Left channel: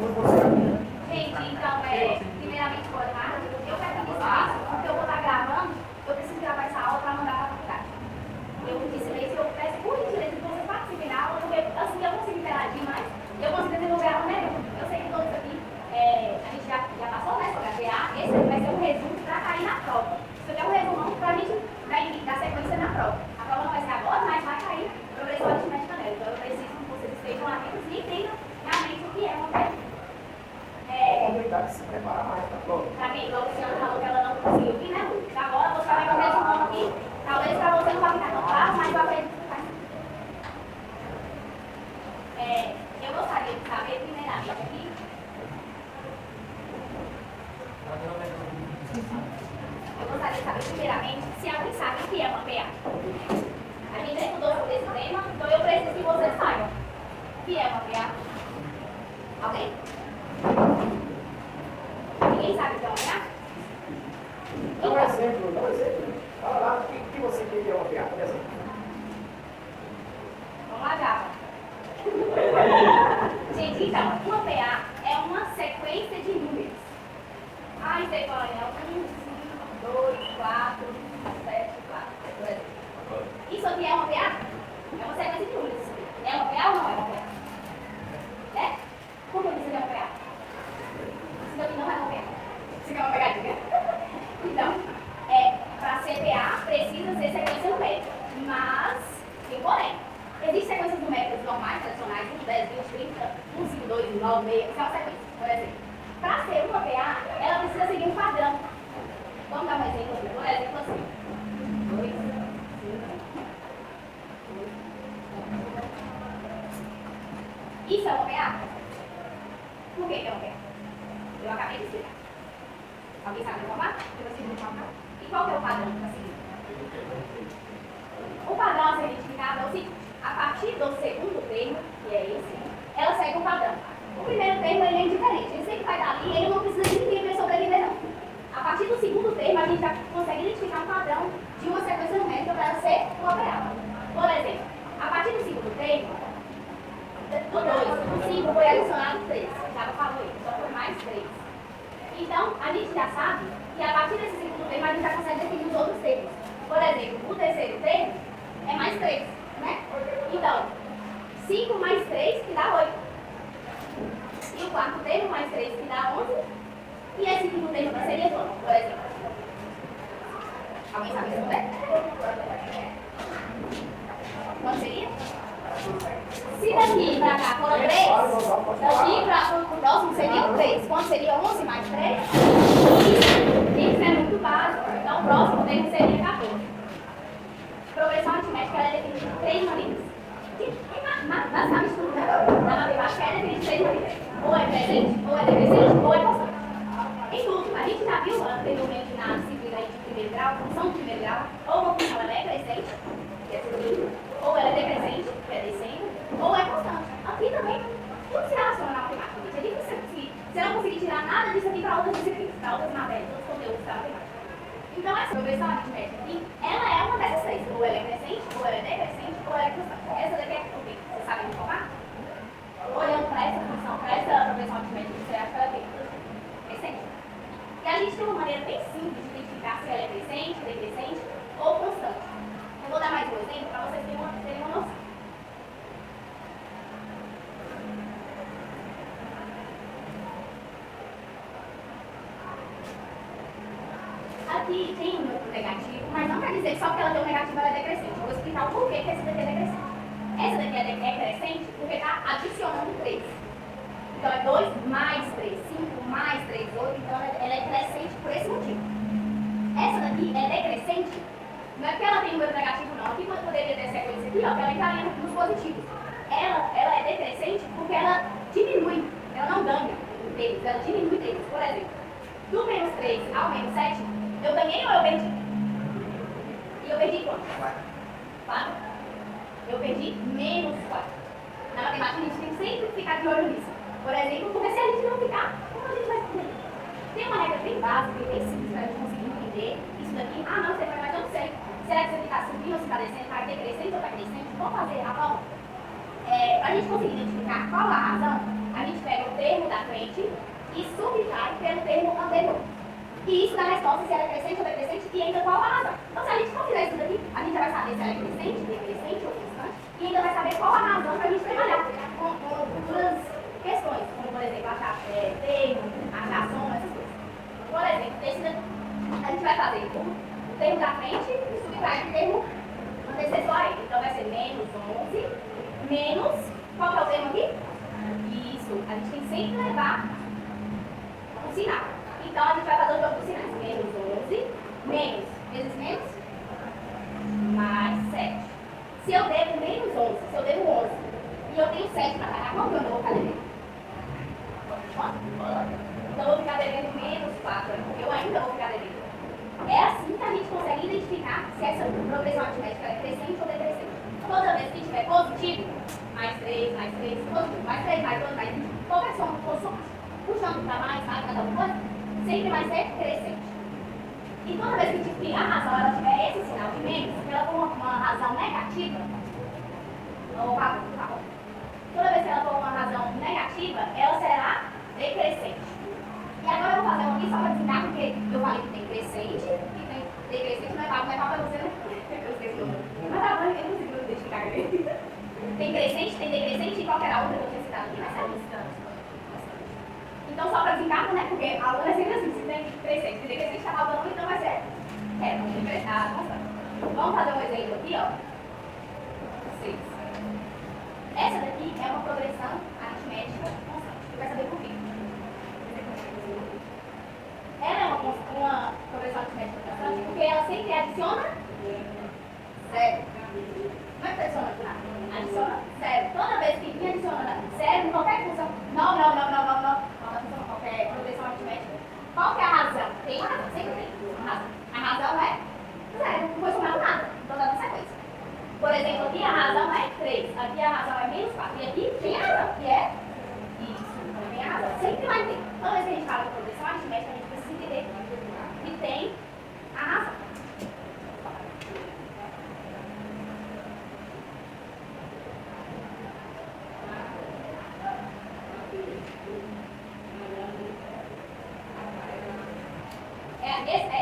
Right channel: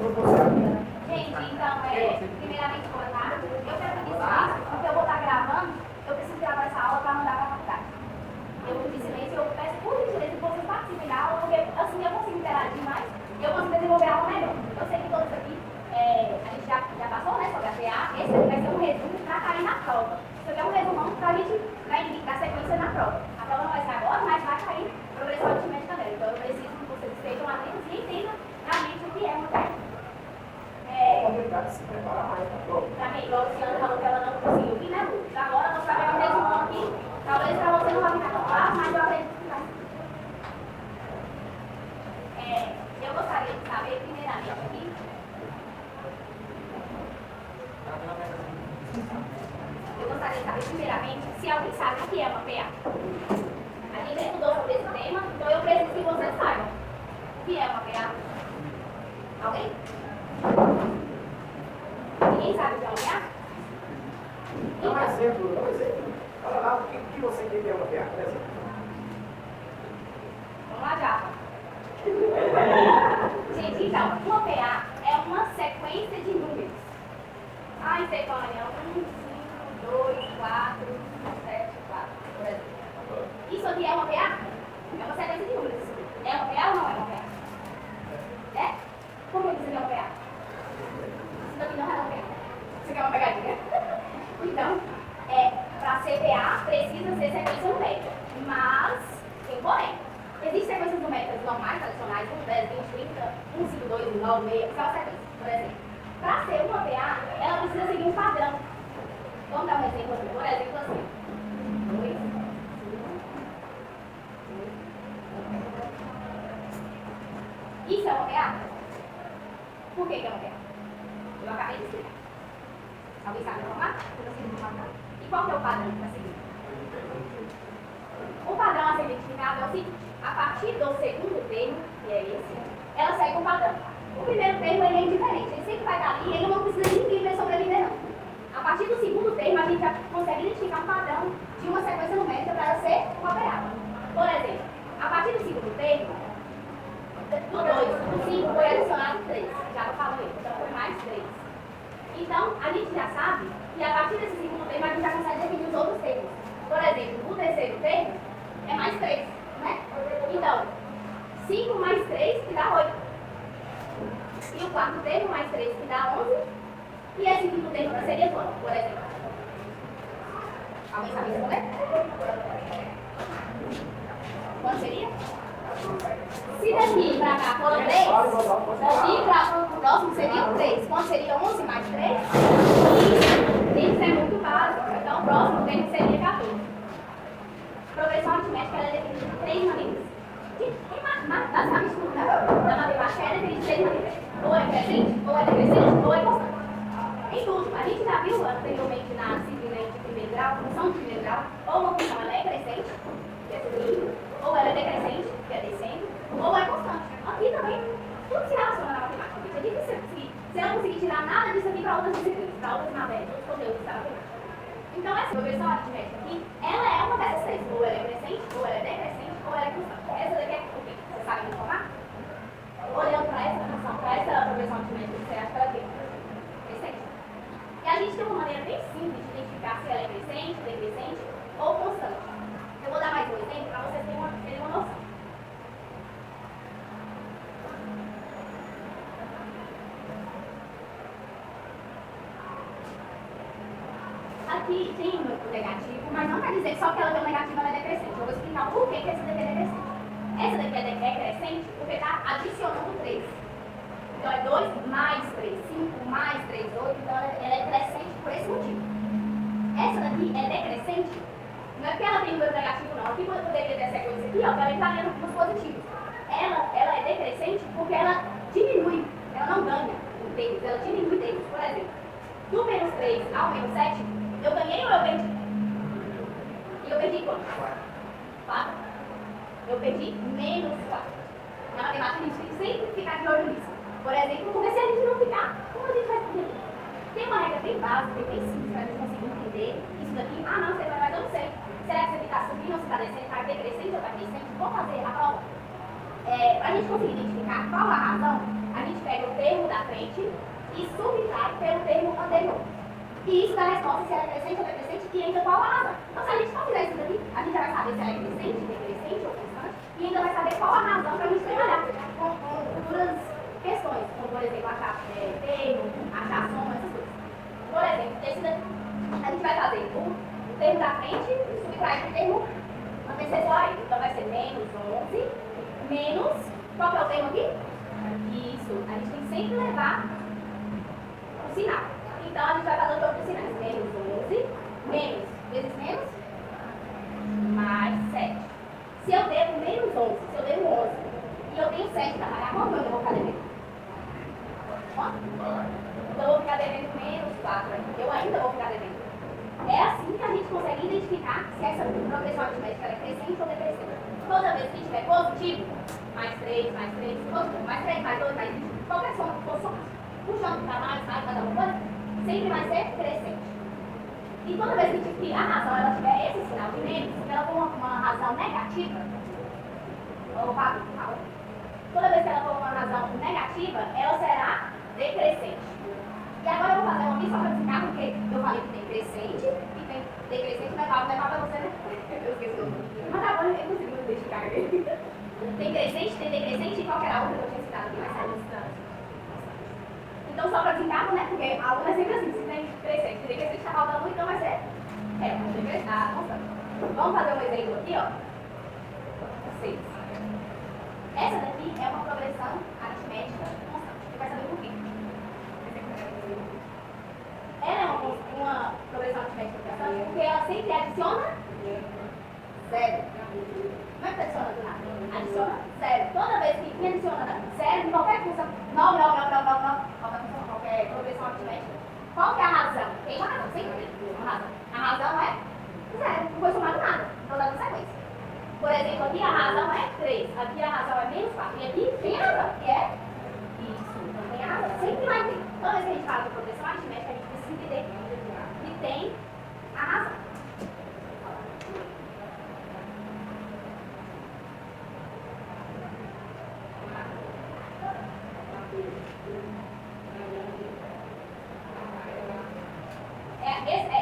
Gente, então, primeiramente, boa tarde. Eu peço desculpas, porque eu vou estar gravando, eu preciso gravar essa aula para mandar para a faculdade. Eu disse silêncio, eu peço por gentileza que vocês participem da aula, porque assim eu consigo interagir mais e eu consigo desenvolver a aula melhor. Eu sei que todos aqui, a gente já passou, né, sobre a PA, esse aqui vai ser um resumo para cair na prova. Isso aqui é um resumão para a gente dar sequência na prova. A prova não vai ser agora, mas vai cair progressão aritmética dela. Então eu preciso que vocês estejam atentos e entendam realmente o que é uma PA. Se preparar mais para a prova. Para quem? Igual a Luciana falou que ela não conseguiu vir, né, Lu? Agora você vai ver um resumão aqui. Talvez para você não vai ficar tão claro, mas eu acredito que vai. Eu gostaria de saber, primeiramente, aqui. Eu gostaria de saber, primeiramente, se alguém sabe o que é uma PA. A gente já estudou sobre esse tema, então eu preciso que vocês saibam o que é uma PA. Alguém? Ninguém sabe o que é uma PA? Dá um exemplo. Fala lá o que você quer que é uma PA, por exemplo. Vamos lá, Java. Gente, então, uma PA é uma sequência de números. Ah, isso aí, Coronel. 1, 5, 2, 4, 7, 4, por exemplo. Isso aqui é uma PA? É uma sequência de números. É uma PA ou não é uma PA? É? Por que isso aqui é uma PA? Isso aqui não é uma PA. Isso aqui é uma pegadinha. Então, para ser PA, precisa ser sequência numérica. Mas, tem porém. Existem sequências numéricas normais, tradicionais, 1, 10, 20, 30, 1, 5, 2, 9, 6, isso é uma sequência, por exemplo. Para ser uma PA, ela precisa seguir um padrão. Vamos dar um exemplo aqui. Por exemplo, assim. 2, 5, 2, isso é uma PA? Por que é uma PA? Eu acabei de explicar. Alguém sabe informar? E qual que é o padrão para seguir? O padrão a ser identificado é o seguinte: a partir do segundo termo, que é esse, ela segue o padrão. O primeiro termo ele é indiferente, ele sempre vai estar ali e ele não precisa de ninguém para sobreviver, não. A partir do segundo termo, a gente já consegue identificar um padrão de uma sequência numérica para ela ser uma PA. Por exemplo, a partir do segundo termo, do 2, o 5 foi adicionado 3. Já falou isso, então foi mais 3. Então, a gente já sabe que a partir desse segundo termo, a gente já consegue definir os outros termos. Por exemplo, o terceiro termo é mais 3, né? Então, 5 mais 3 que dá 8. E o quarto termo mais 3 que dá 11. E esse quinto termo que seria quanto, por exemplo? Alguém sabe responder? Quanto seria? Se daqui para cá for 3, daqui para o próximo seria 3. Quanto seria 11 mais 3? Isso é muito básico. Então, o próximo termo seria 14. Progressão aritmética é definida de 3 maneiras. Basicamente, tudo na matemática é definida de 3 maneiras. Ou é crescente, ou é decrescente, ou é constante. Em tudo, a gente já viu anteriormente na disciplina de primeiro grau, função de primeiro grau, ou uma função ela é crescente, que é subindo, ou ela é decrescente, que é descendo, ou é constante. Aqui também, tudo se relaciona na matemática. É difícil conseguir. Você não conseguir tirar nada disso aqui para outras disciplinas, para outras matérias, outros conteúdos da matemática. Então, essa progressão aritmética aqui, ela é uma dessas 3. Ou ela é crescente, ou ela é decrescente, ou ela é constante. Essa daqui é o quê? Você sabe me informar? Olhando para essa função, para essa progressão aritmética, você acha que ela é o quê? Crescente. E a gente tem uma maneira bem simples de identificar se ela é crescente, decrescente ou constante. Eu vou dar mais um exemplo para vocês terem uma noção. Aqui tem um número negativo, mas não quer dizer que só porque ela tem um negativo ela é decrescente. Eu vou explicar o porquê que essa daqui é decrescente. Essa daqui é decrescente porque está adicionando 3. Então é 2 mais 3, 5 mais 3, 8. Então ela é crescente por esse motivo. Essa daqui é decrescente, não é porque ela tem número negativo, não. Aqui poderia ter sequência aqui, ó, que ela está indo nos positivos. Ela é decrescente porque ela diminui, ela não ganha em termos, ela diminui termos. Por exemplo, do menos 3 ao menos 7, eu ganhei ou eu perdi? E eu perdi quanto? 4. Eu perdi menos 4. Na matemática a gente tem que sempre ficar de olho nisso. Por exemplo, porque se a gente não ficar, como a gente vai entender? Tem uma regra bem básica, bem simples, para a gente conseguir entender isso daqui. Ah, não, mas eu não sei. Será que você está subindo ou se está descendo? Está decrescente ou está crescente? Vou fazer a prova. Para a gente conseguir identificar qual a razão A gente pega o termo da frente e subtrai pelo termo anterior. E isso dá resposta se ela é crescente ou decrescente e ainda qual a razão. Então, se a gente não fizer isso daqui, a gente já vai saber se ela é crescente, decrescente ou constante, e ainda vai saber qual a razão para a gente trabalhar com futuras questões, como, por exemplo, achar termo, achar soma, essas coisas. Por exemplo, esse daqui, a gente vai fazer o termo da frente e subtrai o termo antecessor a ele. Então, vai ser menos 11, menos, qual que é o termo aqui? Isso, a gente tem que sempre levar o sinal. Então, a gente vai fazer todos os sinais. Menos 11, menos, vezes menos, mais 7. Se eu devo menos 11, se eu devo 11, e eu tenho 7 para pagar, quanto eu vou ficar devendo? Quanto? Então, eu vou ficar devendo menos 4, porque eu ainda vou ficar devendo. É assim que a gente consegue identificar se essa progressão aritmética é crescente ou decrescente. Toda vez que tiver positivo, mais 3, positivo, mais 3, mais 2, mais 20, qualquer som que for puxando para mais, mais alguma coisa, sempre vai ser crescente. E toda vez que a razão ela tiver esse sinal de menos, se ela for uma razão negativa, toda vez que ela for uma razão negativa, ela será decrescente. E agora eu vou fazer uma aqui só para explicar, porque eu falei que tem crescente e tem decrescente, mas tá, levar para você, né? Eu esqueci o nome. Mas tá bom, eu não consigo identificar aqui. Tem crescente, tem decrescente e qualquer outra que eu tinha citado aqui, mas é distante. Então, só para desencargo, né? Porque a aula é sempre assim, se tem crescente e decrescente, está faltando, então vai ser constante. Vamos fazer um exemplo aqui, ó. 6. Essa daqui é uma progressão aritmética constante. Você vai saber por quê. Ela é uma progressão aritmética constante porque ela sempre adiciona 0. Não é que adiciona do nada. Adiciona 0. Toda vez que vinha adicionando 0 em qualquer função, não, qualquer progressão aritmética, qual que é a razão? Tem uma razão, sempre tem uma razão. A razão é 0, não foi somado nada, então dá na sequência. Por exemplo, aqui a razão é 3, aqui a razão é menos 4, e aqui tem a razão, que é isso, então tem a razão, sempre vai ter. Toda vez que a gente fala de progressão aritmética, a gente precisa entender que tem a razão.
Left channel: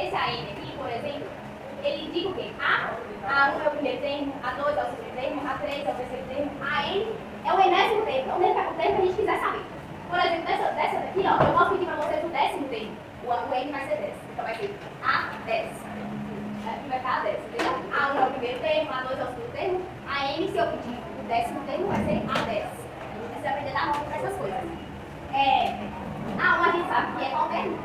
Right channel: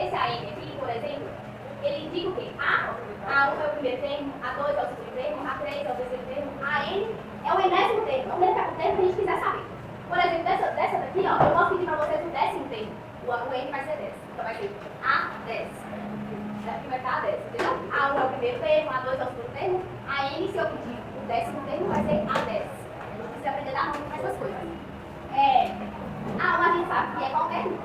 Esse AM aqui, por exemplo, ele indica o quê? A1 é o primeiro termo, A2 é o segundo termo, A3 é o terceiro termo, AN é o enésimo termo. Então, dentro do termo que a gente quiser saber. Por exemplo, dessa daqui, ó, eu posso pedir para vocês o 10º termo. O N vai ser 10. Então, vai ser A10. Aqui vai estar A10, entendeu? A1 é o primeiro termo, A2 é o segundo termo, AN, se eu pedir o 10º termo, vai ser A10. A gente precisa aprender a dar nome para essas coisas. A1 a gente sabe que é qual termo?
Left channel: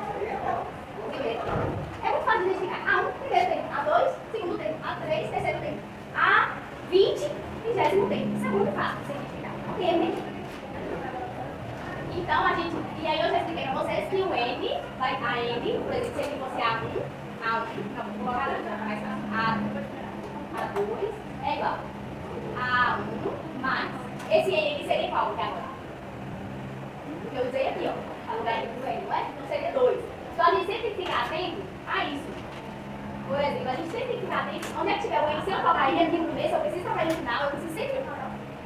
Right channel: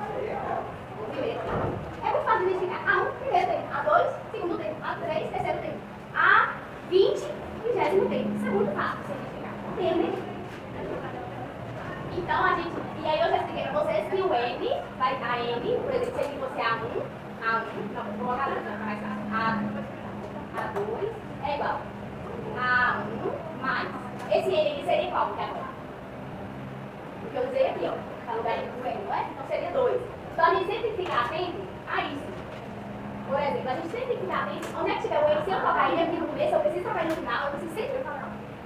O primeiro termo. É muito fácil de identificar. A1, primeiro termo. A2, segundo termo. A3, terceiro termo. A20, 20º termo. Isso é muito fácil de você identificar. Termo. Então, e aí eu já expliquei para vocês que o N, a N, por exemplo, se ele fosse A1, não, vou colocar mais fácil. A2 é igual a A1 mais, esse N aqui seria qual aqui agora? O que eu usei aqui, ó, para lugar do N, não é? Então seria 2. Então a gente sempre fica atento a isso. Por exemplo, a gente sempre fica atento, onde é que tiver o N, se eu colocar ele aqui no começo, eu preciso trabalhar no final, eu preciso sempre.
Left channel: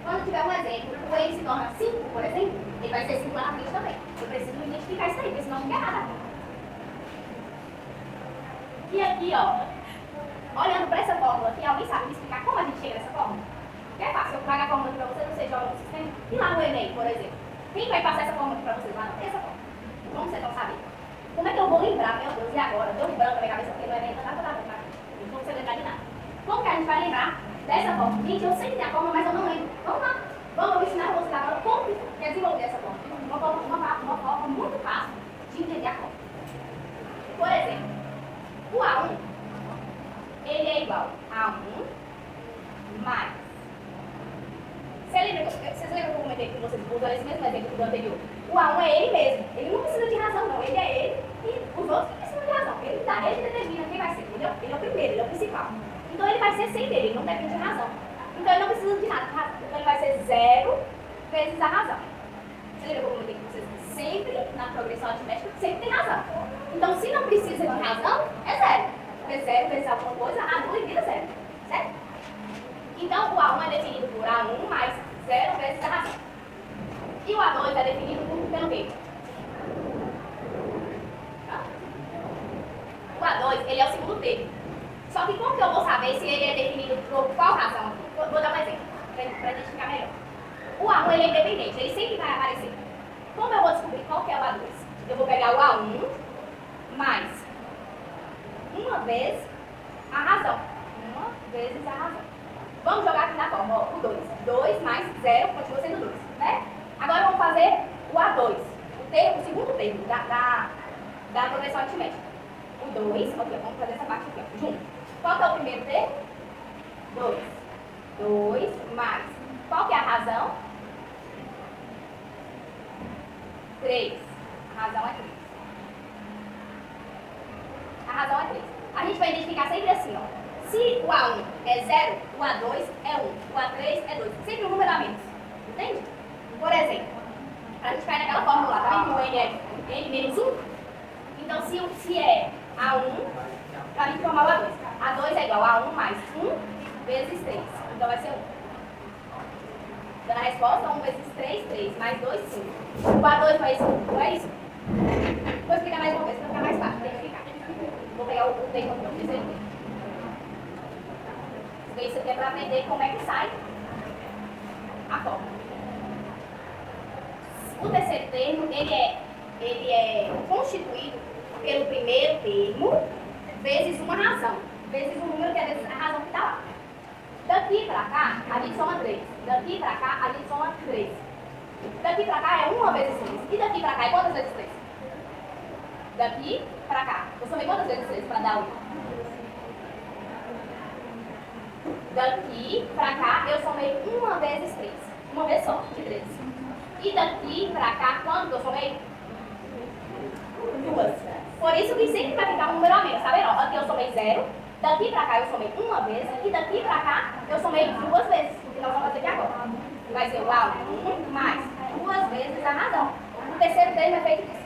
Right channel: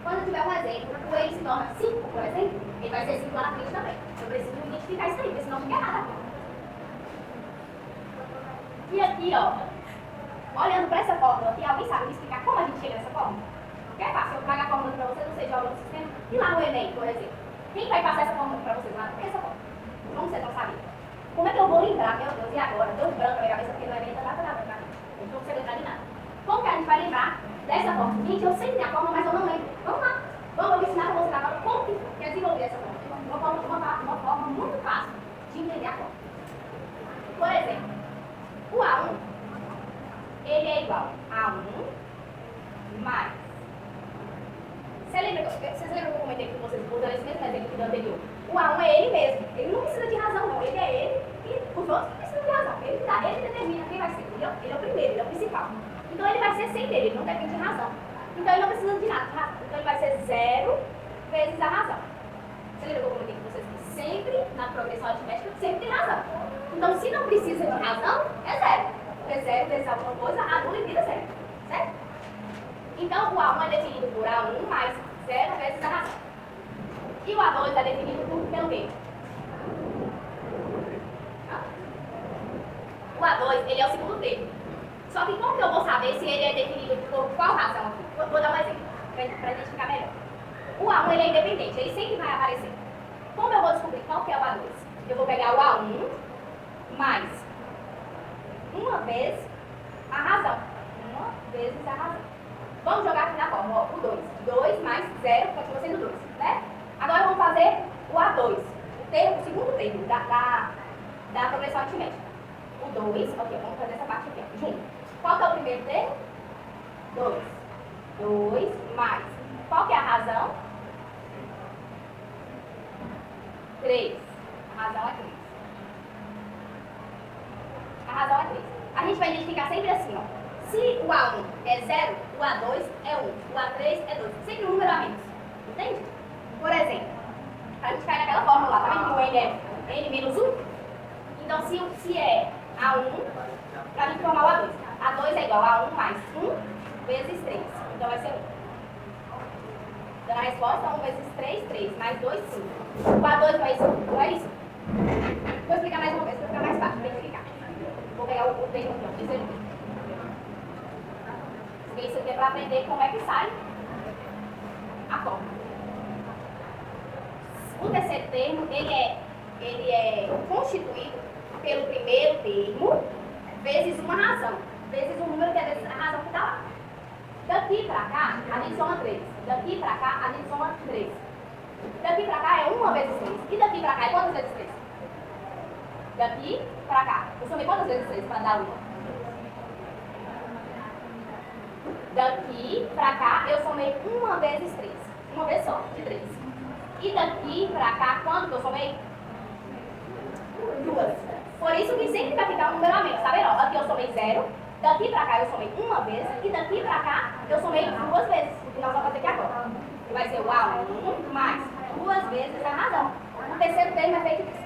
Quando tiver um exemplo, o N se torna 5, por exemplo, ele vai ser 5 lá na frente também. Eu preciso identificar isso aí, porque senão fica errado aqui. E aqui, ó, olhando para essa fórmula aqui, alguém sabe me explicar como a gente chega nessa fórmula? Porque é fácil, eu trago a fórmula aqui para vocês, vocês jogam no sistema, e lá no Enem, por exemplo. Quem vai passar essa fórmula aqui para vocês? Lá não tem essa fórmula. Como vocês vão saber? Como é que eu vou lembrar, meu Deus, e agora? Deu um branco na minha cabeça porque não é nada. Eu não sei lembrar de nada. Como que a gente vai lembrar dessa fórmula? Gente, eu sei a fórmula, mas eu não lembro. Vamos lá. Vamos ensinar a vocês agora como que é desenvolver essa fórmula. Uma forma muito fácil de entender a fórmula. Por exemplo, o A1, ele é igual a 1 mais. Vocês lembram que eu comentei com vocês, vou usar esse mesmo exemplo do anterior? O A1 é ele mesmo. Ele não precisa de razão, não. Ele é ele e os outros precisam de razão. Ele determina quem vai ser, entendeu? Ele é o primeiro, ele é o principal. Então ele vai ser sem dele, ele não depende de razão. Então ele não precisa de nada. Então ele vai ser 0 vezes a razão. Você lembra que eu comentei com vocês? Sempre, na progressão aritmética, sempre tem razão. Então se não precisa de razão, é 0. Porque 0 vezes alguma coisa, A2 vira 0. Certo? Então o A1 é definido por A1 mais 0 vezes a razão. E o A2 é definido pelo quê? O A2, ele é o segundo termo. Só que como que eu vou saber se ele é definido por qual razão aqui? Vou dar um exemplo, para identificar melhor. O A1 ele é independente, ele sempre vai aparecer. Como eu vou descobrir qual que é o A2? Eu vou pegar o A1 mais uma vez a razão. Uma vezes a razão. Vamos jogar aqui na forma, ó, o 2. 2 mais 0 continua sendo 2, né? Agora vamos fazer o A2, o segundo termo da progressão aritmética. O 2, ok, vamos fazer essa parte aqui, ó, junto. Qual que é o primeiro termo? 2. 2 mais. Qual que é a razão? 3. A razão é 3. A razão é 3. A gente vai identificar sempre assim, ó. Se o A1 é 0, o A2 é 1, o A3 é 2. Sempre um número a menos. Entende? Por exemplo, a gente vai naquela fórmula lá, tá vendo que o N é N menos 1? Então, se é A1, para a gente formar o A2. A2 é igual a 1 mais 1 vezes 3. Então, vai ser 1. Dando a resposta, 1 vezes 3, 3. Mais 2, 5. O A2 não é isso? Não é isso? Vou explicar mais uma vez, para ficar mais fácil de identificar. Vou pegar o termo aqui, ó. Terceiro termo. Isso aqui é para aprender como é que sai a fórmula. O terceiro termo, ele é constituído pelo primeiro termo vezes uma razão. Vezes um número que é vezes a razão que está lá. Daqui para cá, a gente soma 3. Daqui para cá, a gente soma 3. Daqui para cá é 1 vezes 3. E daqui para cá é quantas vezes 3? Daqui para cá. Eu somei quantas vezes 3 para dar 1? Daqui pra cá, eu somei 1 vezes 3. Uma vez só, de 3. E daqui pra cá, quanto que eu somei? 2. Por isso que sempre vai ficar um número a menos, tá vendo? Aqui eu somei 0. Daqui pra cá eu somei 1 vez. E daqui pra cá eu somei 2 vezes. Que nós vamos fazer aqui agora. Vai ser o A1 mais 2 vezes a razão. O terceiro termo é feito disso.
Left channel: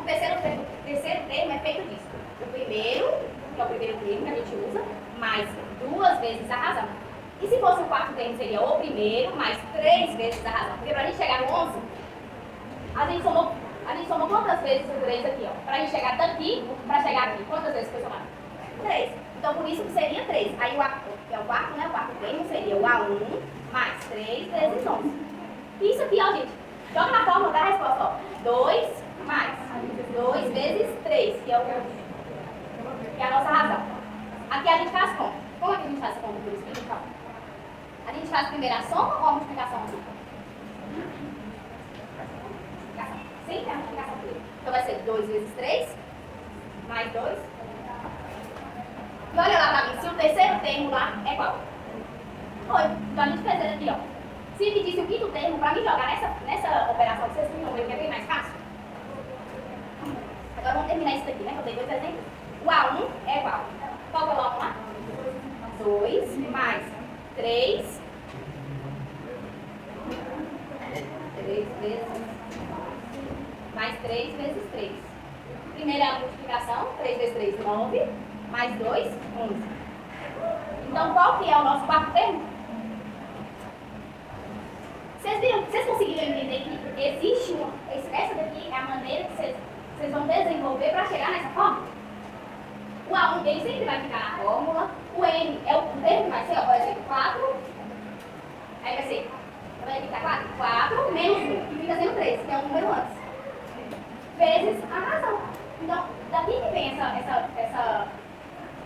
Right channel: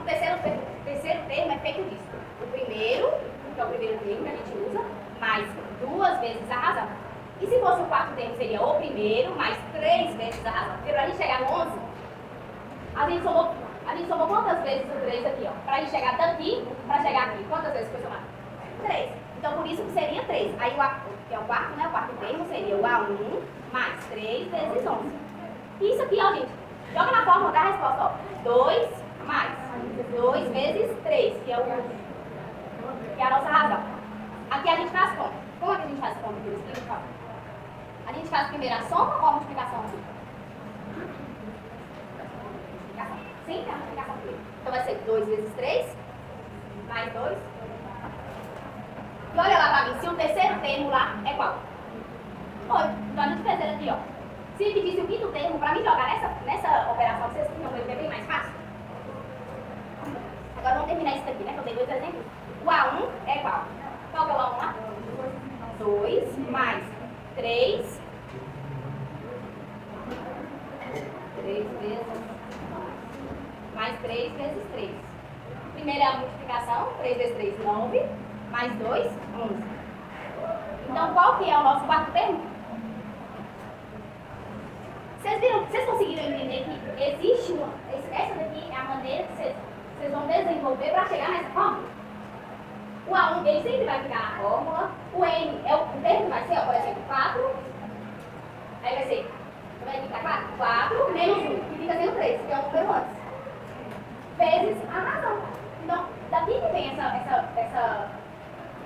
O terceiro termo é feito disso. O primeiro, que é o primeiro termo que a gente usa, mais 2 vezes a razão. E se fosse o quarto termo, seria o primeiro mais 3 vezes a razão. Porque para a gente chegar no 11, a gente somou quantas vezes o 3 aqui, ó? Para a gente chegar daqui, para chegar aqui, quantas vezes foi somado? 3. Então, por isso que seria 3. Aí, que é o quarto, né? O quarto termo seria o A1 mais 3 vezes 11. Isso aqui, ó, gente. Joga na fórmula da resposta, ó. 2 mais 2 vezes 3, que é a nossa razão. Aqui a gente faz conta. Como é que a gente faz conta? A gente faz primeiro a soma ou a multiplicação aqui? Multiplicação. Sempre a multiplicação primeiro. Então vai ser 2 vezes 3, mais 2. E olha lá pra mim, se o terceiro termo lá é qual? 8. Então a gente fez ele aqui, ó. Se dividisse o quinto termo, pra mim jogar nessa operação que vocês tinham, que é bem mais fácil. Agora vamos terminar isso daqui, né? Que eu tenho 2 exemplos. O A1 é qual? Qual que é o A1 lá? 2 mais 3. 3 vezes. Mais 3 vezes 3. Primeiro é a multiplicação. 3 vezes 3, 9. Mais 2, 11. Então, qual que é o nosso quarto termo? Vocês conseguiram entender que existe essa daqui é a maneira que vocês vão desenvolver para chegar nessa fórmula? O A1, ele sempre vai ficar na fórmula. O N é o termo que vai ser, ó, por exemplo, 4. Aí vai ser, como é que tá claro? 4 menos 1, que fica sendo 3, que é um número antes. Vezes a razão. Então, daqui que vem essa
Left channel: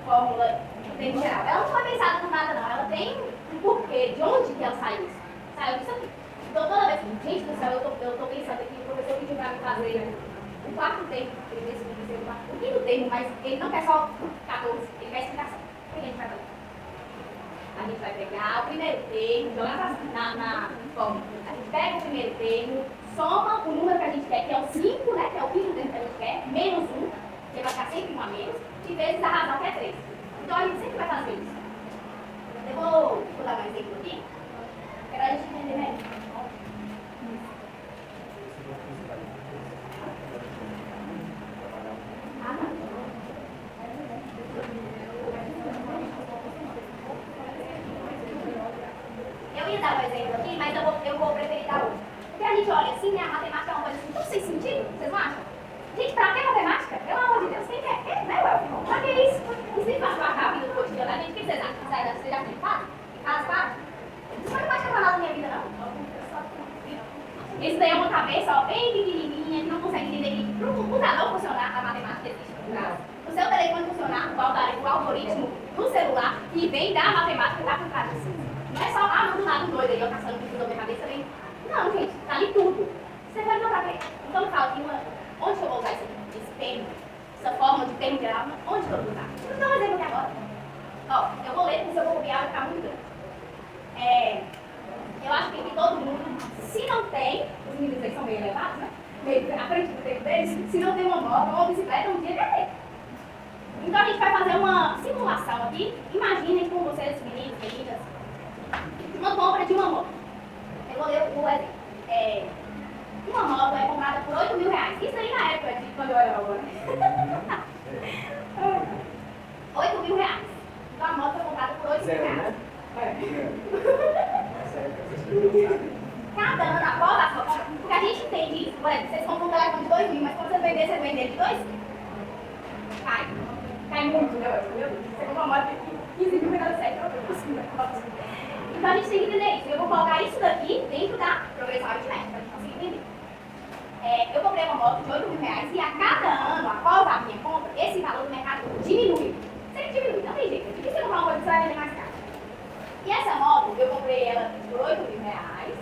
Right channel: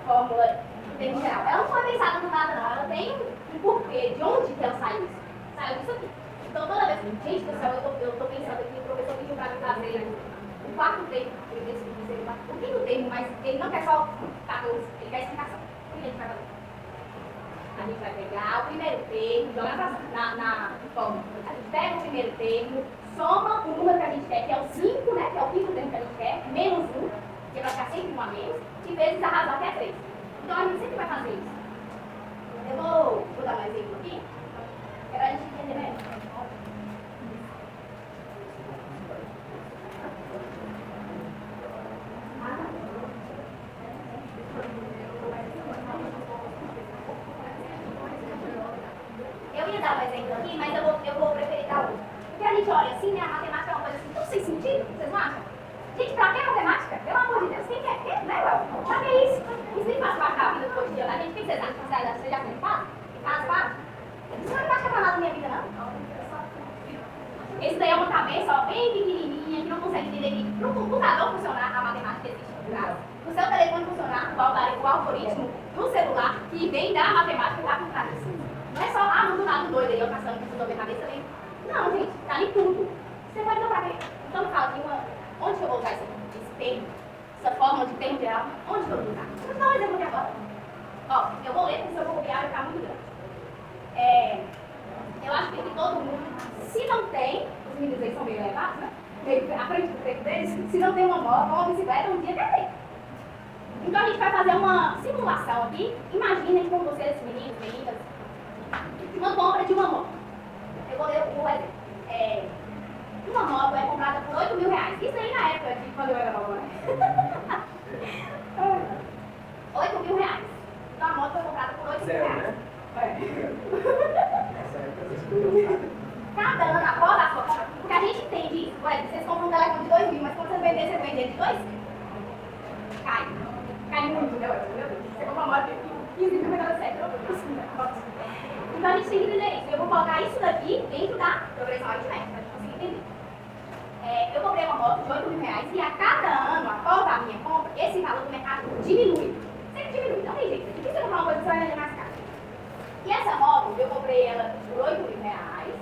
fórmula do termo geral. Ela não foi pensada no nada, não. Ela tem um porquê. De onde que ela saiu isso? Saiu disso aqui. Então, toda vez que, gente do céu, eu tô pensando aqui, o professor pediu para mim fazer o quarto termo, ele decidiu dizer o quinto termo, mas ele não quer só 14, ele quer explicação. O que a gente vai fazer? A gente vai pegar o primeiro termo, jogar na fórmula. A gente pega o primeiro termo, soma o número que a gente quer, que é o 5, né? Que é o quinto termo que a gente quer, menos 1, que vai ficar sempre 1 a menos, e vezes a razão que é 3. Então, a gente sempre vai fazer isso. Eu vou dar um exemplo aqui, para a gente entender melhor. Eu ia dar um exemplo aqui, mas eu vou assim, né? A matemática é uma coisa assim, tão sem sentido, vocês não acham? Gente, pra que matemática? Pelo amor de Deus, quem quer? Né, Ué? Pra que isso? Isso nem faz parte da vida do cotidiano da gente. O que vocês acham? Vocês já acreditaram? Faz parte? Isso não é parte pra nada da minha vida, não. Esse daí é uma cabeça, ó, bem pequenininha, que não consegue entender que para o computador funcionar, a matemática existe por trás. O seu telefone funcionar, o algoritmo do celular, que vem da matemática, está por trás disso. Não é só, não do nada doido aí, eu caçando que na minha cabeça, vem. Não, gente, tá ali tudo. Você pode não saber. Então, me fala aqui, onde que eu vou usar esse termo, essa forma de termo geral, onde que eu vou usar? Vou dar um exemplo aqui agora. Ó, eu vou ler, porque se eu for copiar, vai ficar muito grande. Eu acho que todo mundo, se não tem, os meninos aí são meio elevados, né? Meio à frente do tempo deles, se não tem uma moto ou uma bicicleta, um dia vai ter. Então a gente vai fazer uma simulação aqui. Imaginem com vocês, meninos, meninas, uma compra de uma moto. Eu vou ler o exemplo. Uma moto é comprada por R$8.000. Isso aí na época de quando eu era nova, né? R$8.000. Então a moto foi comprada por R$8.000. Zero, né? Cada ano após a foto, porque a gente entende isso, por exemplo, vocês compram um telefone de 2.000, mas quando vocês vender, vocês vendem de 2? Cai muito, né? Meu Deus, você compra uma moto de 15 mil e nada certo, então a gente tem que entender isso. Eu vou colocar isso daqui dentro da progressão aritmética, para a gente conseguir entender. Eu comprei uma moto de R$8.000 e a cada ano, após a minha compra, esse valor do mercado diminui. Sempre diminui, não tem jeito. Se você comprar uma coisa, você vai vender mais caro. E essa moto, eu comprei ela por R$8.000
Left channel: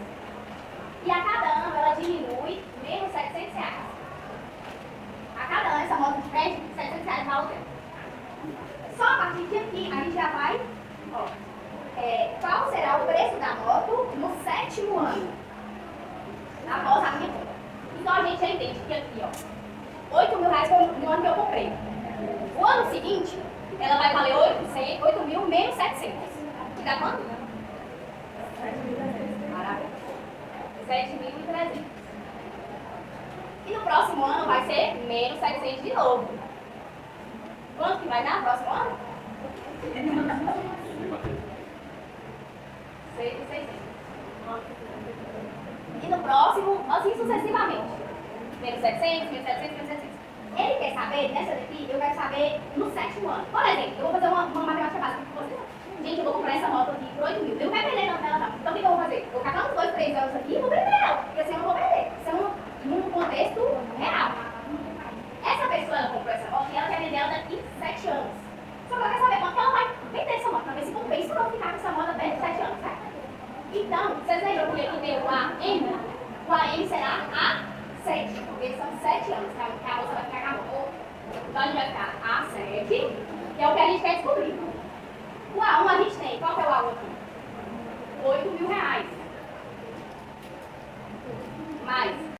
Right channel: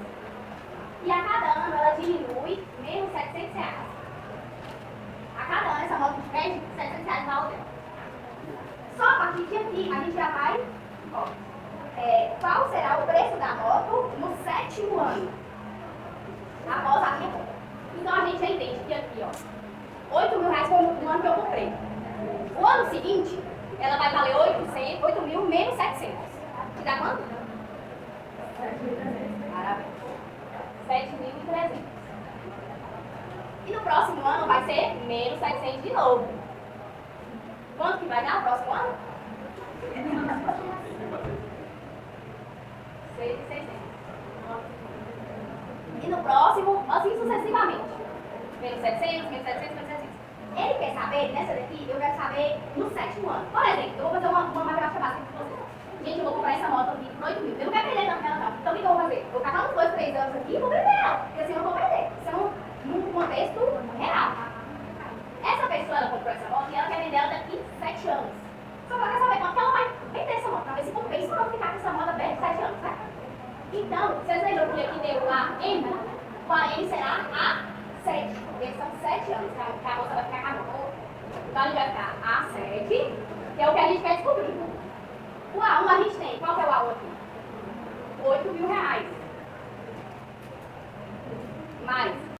e a cada ano ela diminui menos R$700. A cada ano essa moto perde R$700 valor dela. Só a partir de aqui a gente já vai, ó, qual será o preço da moto no 7º ano após a minha compra. Então a gente já entende que aqui, ó, R$8.000 foi no ano que eu comprei. O ano seguinte, ela vai valer 8.000 menos 700. Que dá quanto? 7.300. Maravilha. 7.300. E no próximo ano vai ser menos 700 de novo. Quanto que vai dar no próximo ano? 6.600. E no próximo, assim sucessivamente. Menos 700, menos 700, menos 700. Ele quer saber, nessa daqui, eu quero saber no 7º ano. Por exemplo, eu vou fazer uma matemática básica com vocês. Gente, eu vou comprar essa moto aqui por 8.000. Eu não quero perder tanto nela, não. Então o que eu vou fazer? Eu vou catar uns 2, 3 anos aqui e vou vender ela. Porque assim eu não vou perder. Isso é num contexto real. Essa pessoa, ela comprou essa moto e ela quer vender ela daqui 7 anos. Só que ela quer saber quanto que ela vai vender essa moto, pra ver se compensa ou não ficar com essa moto até 7 anos, né? Então, vocês lembram que aqui tem o AM? O AM será A7. Porque são 7 anos que a moça vai ficar com a moto. Então a gente vai ficar A7, que é o que a gente quer descobrir. O A1 a gente tem. Qual que é o A1 aqui? R$8.000. Mais